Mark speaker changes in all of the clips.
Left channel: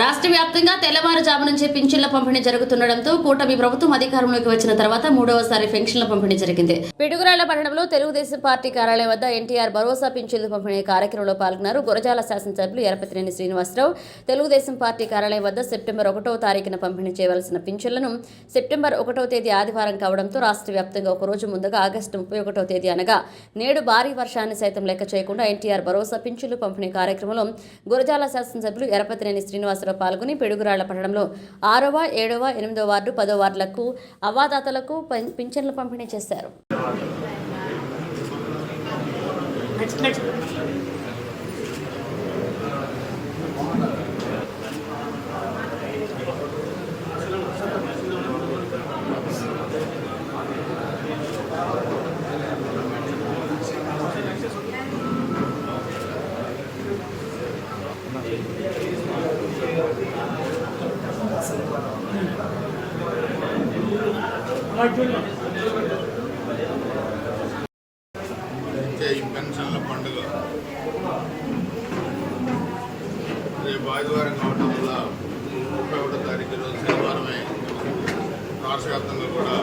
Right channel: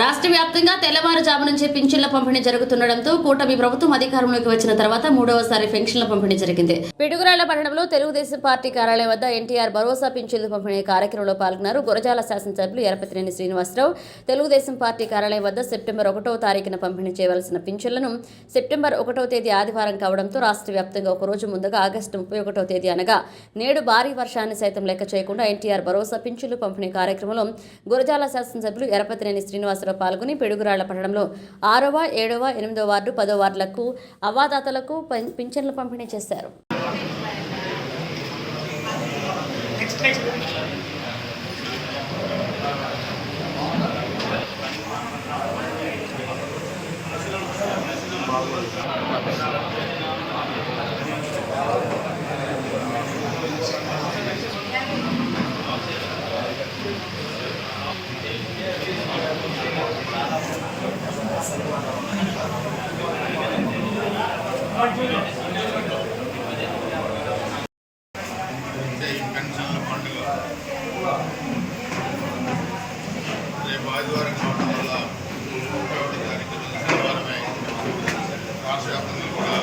Speaker 1: రాష్ట్ర వ్యాప్తంగా తెల్లవారుజాము నుంచి పింఛన్ల పంపిణీ జరుగుతుండటంతో కూటమి ప్రభుత్వం అధికారంలోకి వచ్చిన తర్వాత మూడవసారి పెన్షన్ల పంపిణీ జరిగింది. పిడుగురాళ్ళ పట్టణంలో తెలుగుదేశం పార్టీ కార్యాలయం వద్ద ఎన్టీఆర్ భరోసా పింఛన్లు పంపిణీ కార్యక్రమంలో పాల్గొన్నారు. గురజాల శాసనసభ్యులు ఎరపతినేని శ్రీనివాసరావు. తెలుగుదేశం పార్టీ కార్యాలయం వద్ద సెప్టెంబర్ ఒకటో తారీఖున పంపిణీ చేయవలసిన పింఛన్లను సెప్టెంబర్ ఒకటో తేదీ ఆదివారం కావడంతో రాష్ట్ర వ్యాప్తంగా ఒక రోజు ముందుగా ఆగస్టు ముప్పై ఒకటో తేదీ అనగా నేడు భారీ వర్షాన్ని సైతం లెక్క చేయకుండా ఎన్టీఆర్ భరోసా పింఛన్లు పంపిణీ కార్యక్రమంలో గురజాల శాసనసభ్యులు ఎరపతినేని శ్రీనివాసరావు పాల్గొని పిడుగురాళ్ళ పట్టణంలో ఆరవ ఏడవ ఎనిమిదవ వార్డు పదో వార్డులకు అవాదాతలకు పింఛన్లు పంపిణీ చేశారు.
Speaker 2: ఈ పెన్షన్ల పండుగ. రేపు ఆదివారం కావడం వల్ల ముప్పై ఒకటో తారీఖు రోజు శనివారమే రాష్ట్ర వ్యాప్తంగా కూడా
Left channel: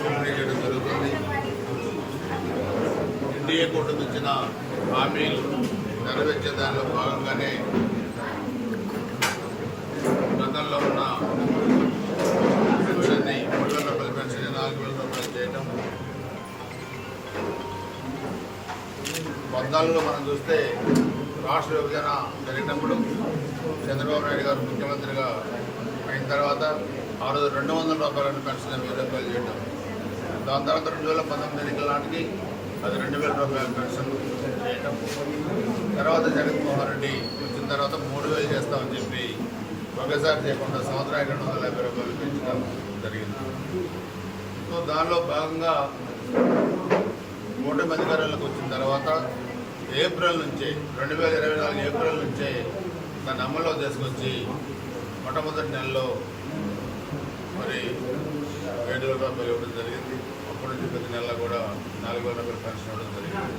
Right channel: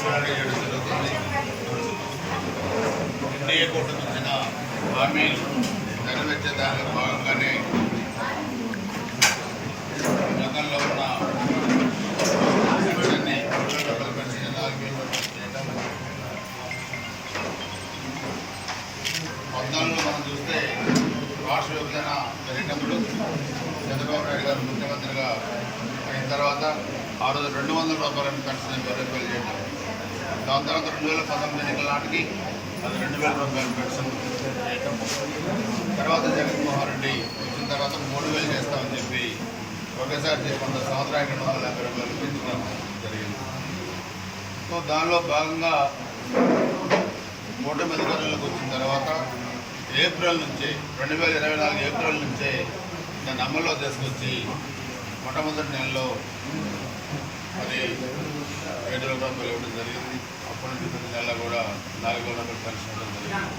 Speaker 2: పంపిణీ చేయడం జరుగుతుంది. ఎన్డీఏ కూటమి ఇచ్చిన హామీలు నెరవేర్చే దానిలో భాగంగానే పద్నాలుగులో మనం చూస్తే రాష్ట్ర విభజన జరిగినప్పుడు చంద్రబాబు నాయుడు గారు ముఖ్యమంత్రిగా అయిన తర్వాత ఆ రోజు రెండు వందల రూపాయలను పెన్షన్ వెయ్యి రూపాయలు చేయడం. దాని తర్వాత రెండు వేల పంతొమ్మిది ఎన్నికల నాటికి అది రెండు వేల రూపాయలు పెన్షన్ చేయటం తర్వాత జగన్మోహన్ రెడ్డి వచ్చిన తర్వాత మూడు వేలు చేస్తామని చెప్పి ఒకేసారి చేయకుండా సంవత్సరానికి రెండు వందల యాభై రూపాయలు పెంచడం జరిగింది. సో దానిలో భాగంగా కూటమి అధికారంలోకి వచ్చిన తర్వాత ఏప్రిల్ నుంచి రెండు వేల ఇరవై నాలుగు ఏప్రిల్ నుంచే దాన్ని అమల్లో తీసుకొచ్చి మొట్టమొదటి నెలలో మరి ఏడు వేల రూపాయలు ఇవ్వడం జరిగింది. అప్పటి నుంచి ప్రతి నెలలో కూడా నాలుగు వేల రూపాయలు పెన్షన్ ఇవ్వడం జరిగింది.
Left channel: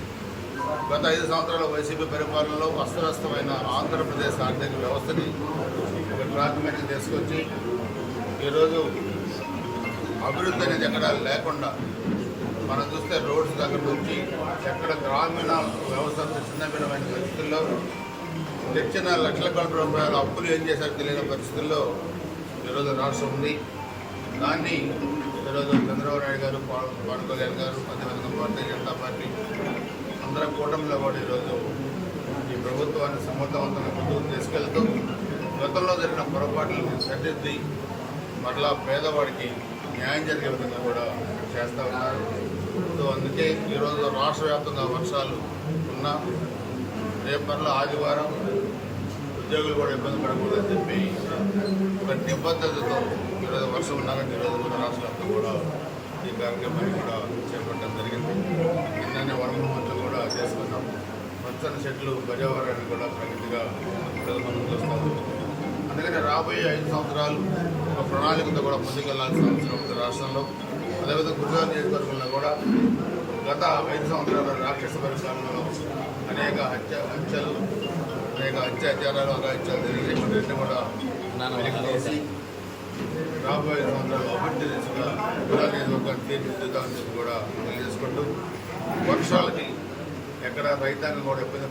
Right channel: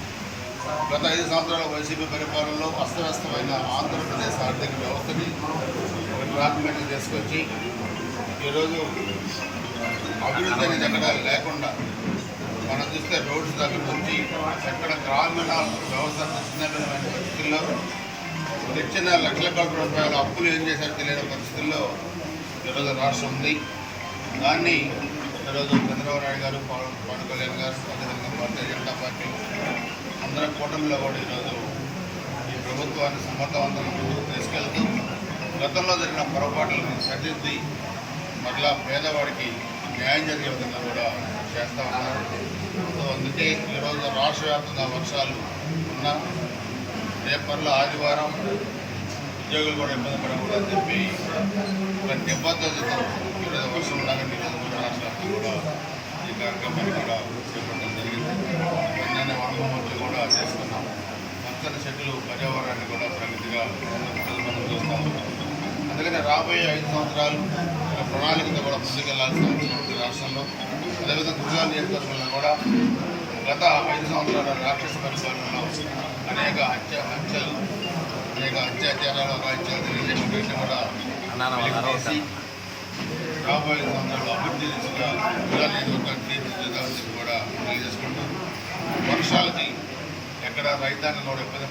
Speaker 2: గత ఐదు సంవత్సరాల వైసీపీ పరిపాలనలో అస్తవ్యస్తమైన ఆంధ్రప్రదేశ్ ఆర్థిక వ్యవస్థని ఒక తీసుకొచ్చి ఈరోజు అభివృద్ధి అనేది ఎక్కడ లేకుండా మనం చూస్తే రోడ్స్ దగ్గర నుంచి ఎక్కడ గ్రామీణ వ్యవస్థ చిన్నమైన పరిస్థితుల్లో తెచ్చిన లక్షల కోట్ల రూపాయల అప్పులు ఏం చేశారో తెలియని పరిస్థితుల్లో ఈరోజు రాష్ట్రం ఉంది. దాన్ని ఈరోజు చంద్రబాబు నాయుడు గారు పవన్ కళ్యాణ్ గారు అదేవిధంగా భారతీయ జనతా పార్టీ అందరం కూటమిలో కూడా ఈరోజు ఈ ప్రభుత్వాన్ని సమర్థవంతంగా తీసుకెళ్తూ గతంలో జరిగిన పొరపాట్లను సరిదిద్ది మరలా పేదవాడికి న్యాయం జరిగే విధంగా కూడా చేస్తూ ఉన్నారు. సో అందుకే ఈరోజు రాష్ట్ర వ్యాప్తంగా వర్షాలు ఉన్నా రేపట్లో ఆదివారం ఉద్యోగులు కూడా ఇబ్బంది పడకూడదని చెప్పి ఒక నిబద్ధతతో ఈరోజు వర్షం ఉండగానే ఈరోజు కూడా రాష్ట్ర వ్యాప్తం కూడా ఈ కార్యక్రమాన్ని కూడా చేపట్టడం జరిగింది. నిన్ననే వరమహోత్సవం కూడా చేసుకున్నాం. పచ్చని చెట్లు పర్యావరణాన్ని కూడా ప్రగతిగా మనం చూస్తాము అందుకని రాబోయే ఐదు సంవత్సరాలు ఒక ప్రణాళికతో కూడా ముందుకెళ్ళాల్సిన రాష్ట్రంలో అదేవిధంగా గుజరాత్ నియోజకవర్గంలో కూడా గత ఐదు సంవత్సరాల రాక్షస పరిపాలనలో అనేక హత్య హత్యలు అనేక అత్యాచారాలు అగాత్యాలు జరిగినటువంటి వాటిని కూడా రాబోయే సంవత్సరాలు అభివృద్ధి దిశగా గుజరాత్ నియోజకవర్గాన్ని తీర్చిదిద్దామని చెప్పి కూడా తెలియజేసుకుంటూ వర్షాలకి ఎక్కడ రైతాంగం కూడా ఇబ్బంది